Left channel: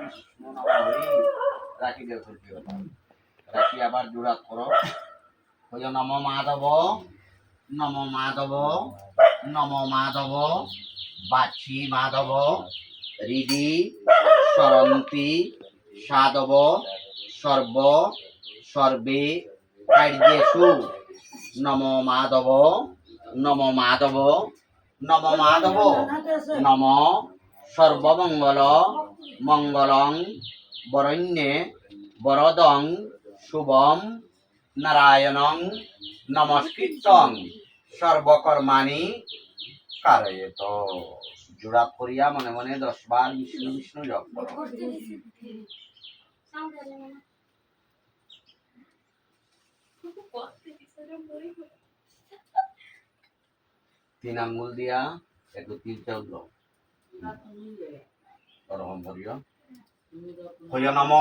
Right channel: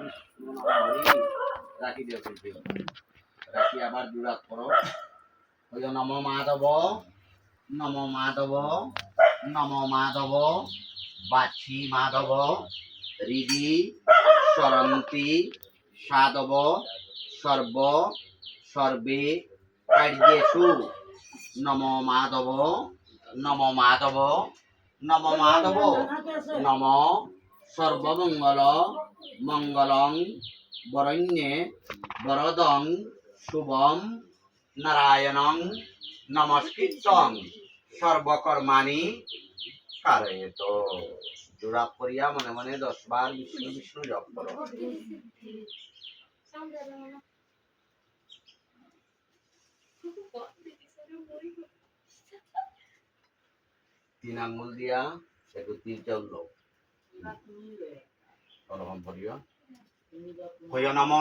বিষ্ণু নমঃ রাখি দিও তুলসী কথা রাখি আবার জোড়া করো ওই নম মাধব নম মাধব নম মাধব বাছি মাধব হৃদি সরন্তি সাধব সর্ব সর্বে কার্যেষু নম মাধব নম মাধব নম মাধব নম সর্বমঙ্গল মঙ্গলং বরণ্যে বরদং শুভম নারায়ণং নমস্কৃত্যং সর্বকর্মাণি কারয়েত। জোড়া করিয়া মনে মনে 10 বার বিষ্ণু বিষ্ণু জপ করো। 3 আঙ্গুল দিয়া একটু তীর চাউল ওরকম করিও হইয়া নম